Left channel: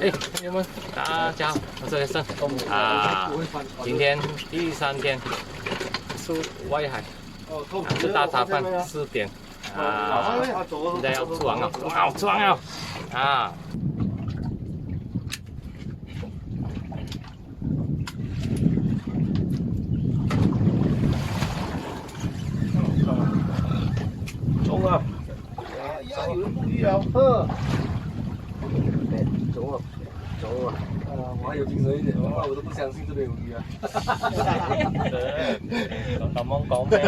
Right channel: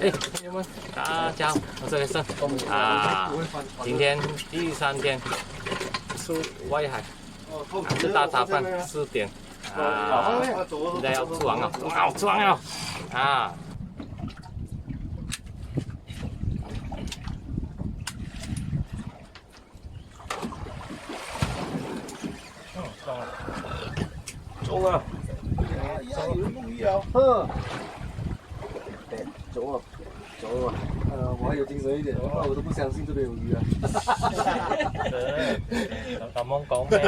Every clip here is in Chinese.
哎，朋友们，大家好，我是雷森啊。今天第3天出外海，吃大茶饭4点啊，现在要出航了，哇，出航了啊！中啊！哎呀，有人捕鱼了，呵。中啊，中啊！我还有精神一点，我都不相信这边有鱼啊。咁樣講咩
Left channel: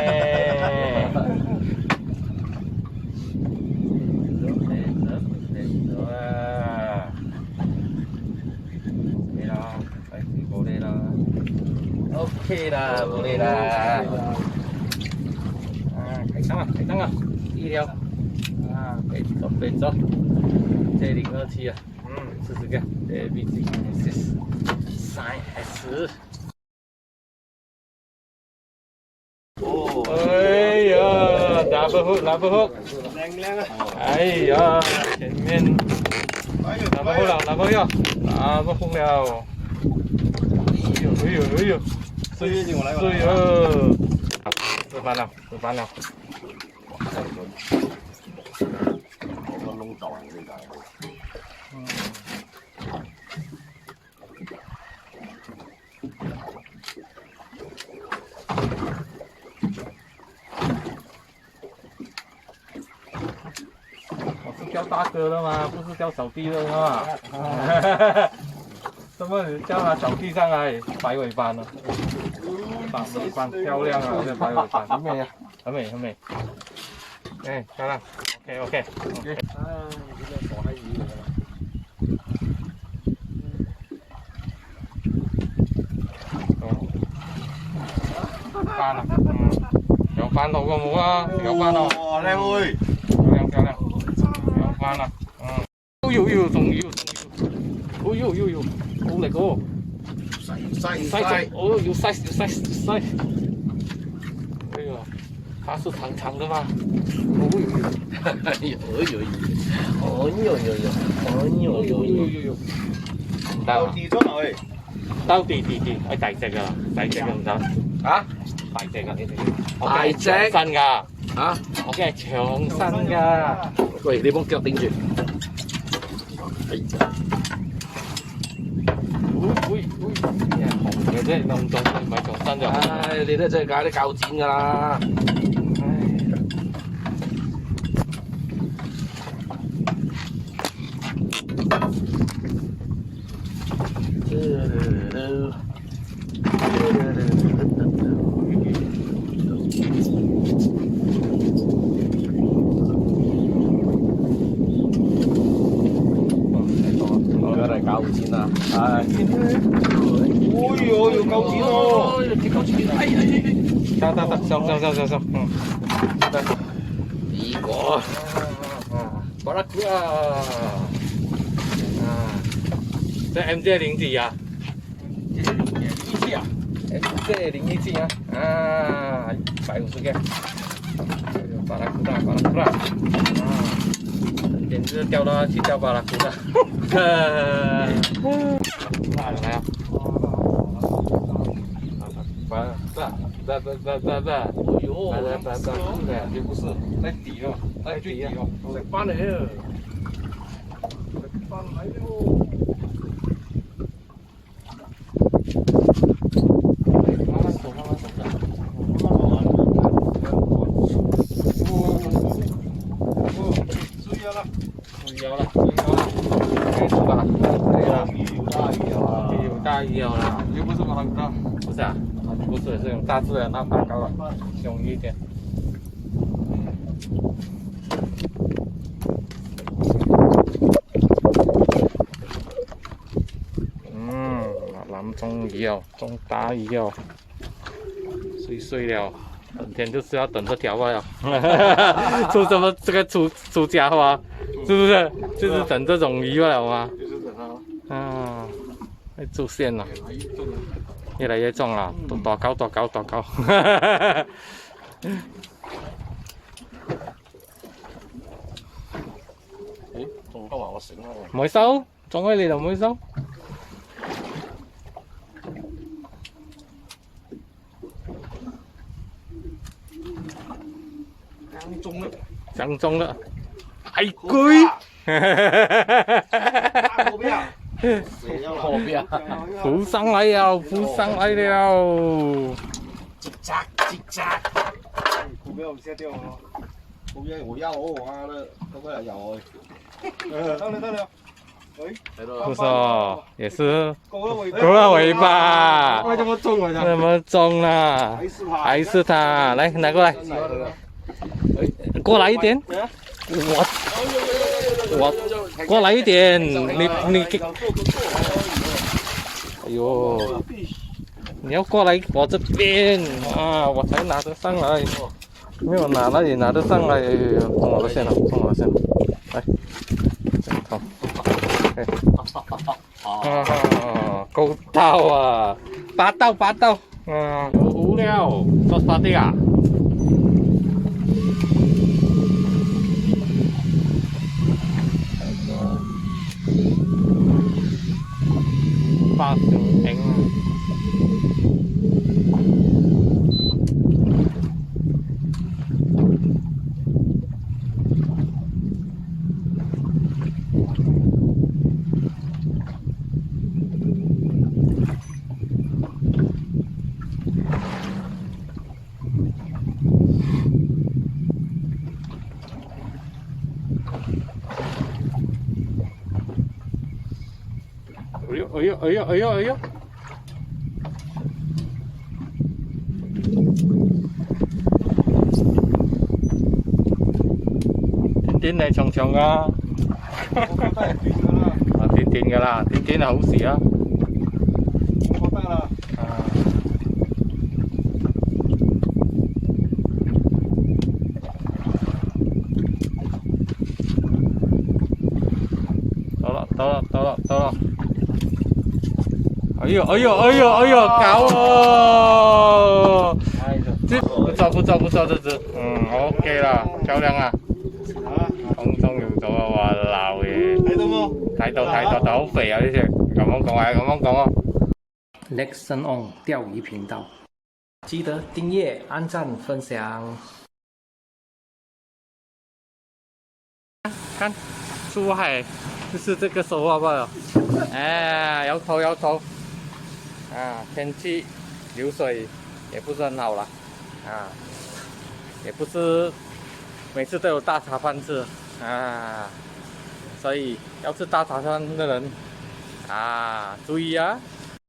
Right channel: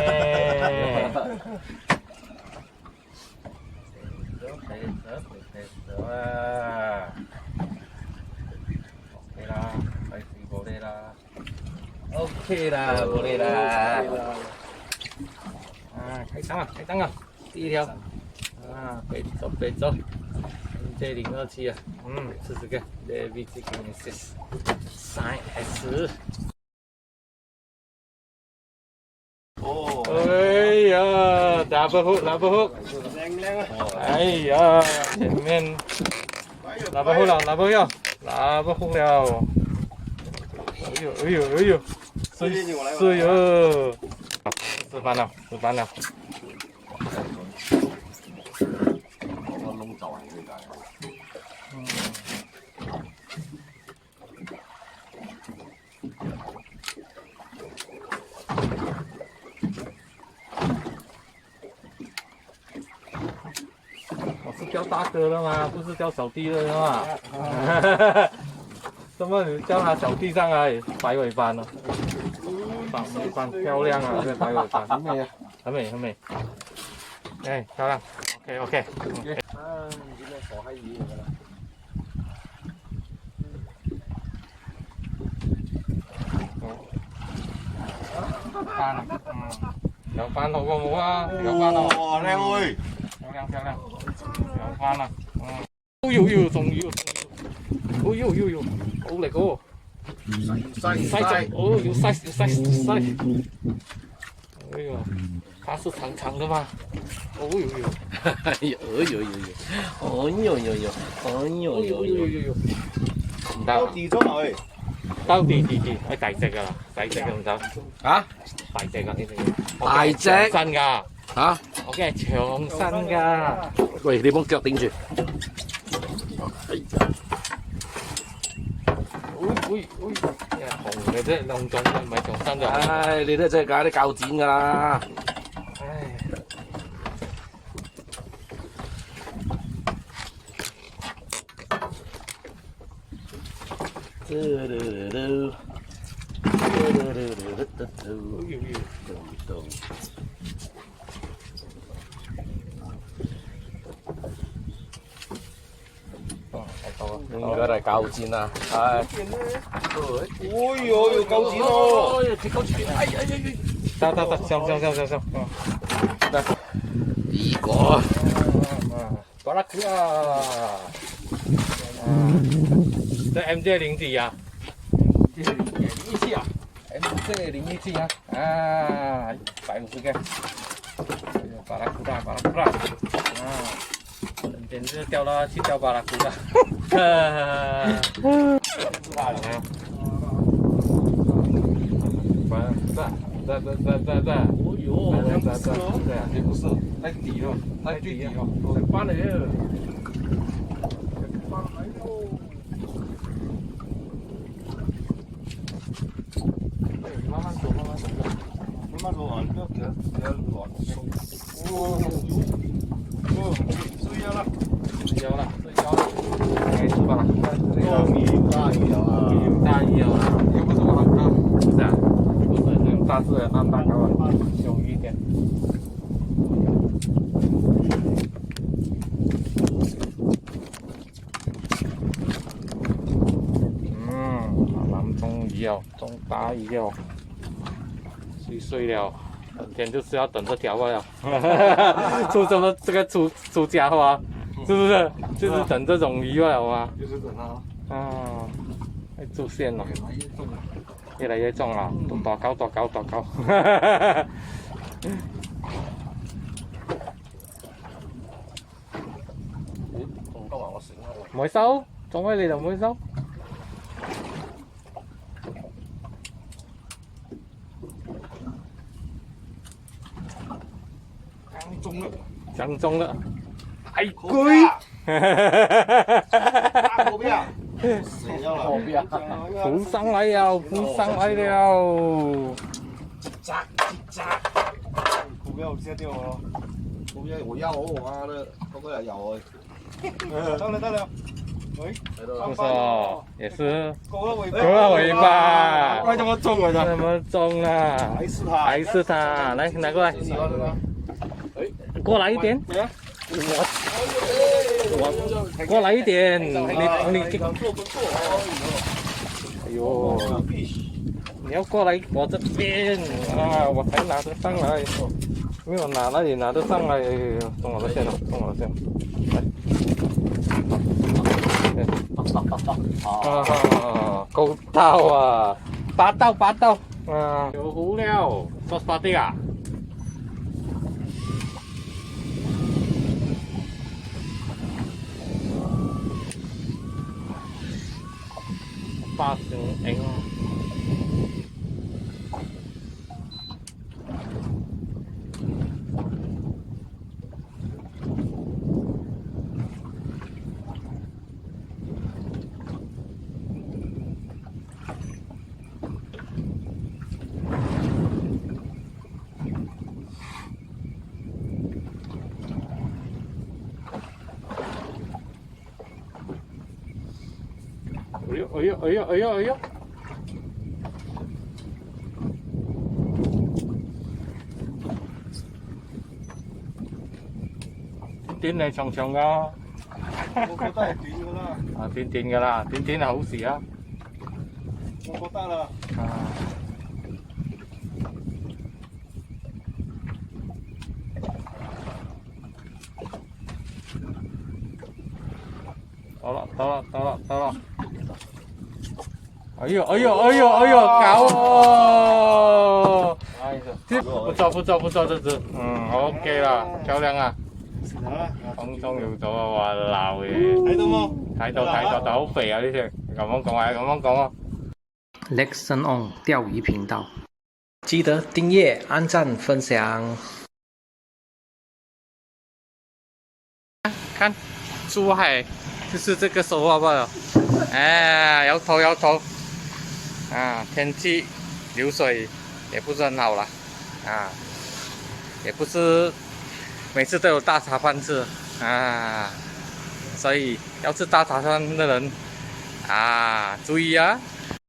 ？OK 啦，冇理啦。啊，開燈啊！第一條啊，備咗，J027啊，試試看，JVG3S。哎呀，打不好，靚啊！哎呀，前面打不好了，哎呦！是哟，出翻了。弄走這個。我是叫大哥的吗？不是叫小弟的吗？怎么你叫他小弟上来摆尾巴呢？摆尾巴漂亮啊！这摆尾巴很美啊，很美。哎，漂亮。OK。啊，你這個傻閪魚嚟㗎啦！翻啦，有翻到個冇啊，有翻咯。哇，靚妹！漂亮，有翻啦。仲要。好力哦！細哦，要細。哎呦，它是長的嗎？哎呦！唔得啊！兜地，哎大隻噶啦，細隻唔得。啊？大隻噶呢啲。大隻長身噶。啊？我驚係長身噶。喂，你幫腳頂住。紅嘅啫，弄中唔係長身就。唉，你都真係解啲鉸剪㗎啦。我嚟鉸剪啊！係。哎呦，要鉸剪咯！得，上。呢個。巴拉庫啊！這 MJ0幾啊017啊 ？MJ017啊！啊，150個。巴拉庫啦！啊，簡直掉到去掉巴拉庫啦！在，也不是在底哦，在最底哦，翻了哟，翻来哟，慢慢走的，追焦了，该出吧了，大鱼哦，又不是巴拉库，不是啊。不是这种大只的，那大高了，凶一点。中鱼哦，中大鱼哦，碎了，整天就是要等这条了。出什么这个出家伙，是不是？就是等这种鱼了吗？就是等它。啊，会出现了。越来越重了，多高！仲多埋我繩啊！唔會收，中喺你就唔會收。正中啦，係龜。浮上來了，浮上來了。叽喳叽喳，股票唔捨掉我，股票我要我媽的，都過來咬我。到了，喂，不錯，也是勾了尾巴，勾了尾巴，快這麼重啊！這麼重啊，還是他，來拿過來，過來一點，我過來一點，你，哎呦，你要過來我這邊啊，我才拿得上來，沒有拿那裡拿得上來，衝我的線了，衝我的線了，來，啊，夠到啊，8刀，啊，有無聊，做啥的啊？8成影。哎呦！天天嚟長長噶，我覺得係短㗎啦。啊短㗎啦，短係好事啊。我覺得啦。啊。到啦！哎呦，搞哦！這不錯，這只，OK 啦，漂亮啊！空中用咗啊，哇鬧嘢！睇到冇？睇到，但好肥啊呢隻，咁樣講啊。Nexon On 釣魚頻道，記得訂閱、按讚、分享。看，出海就是這個收穫吧。哎，搖頭，啊，天氣流水也不是很好了，啊，也不是每次都有大茶飯吃，啊，所以要吃大茶飯的人，啊，注意啊。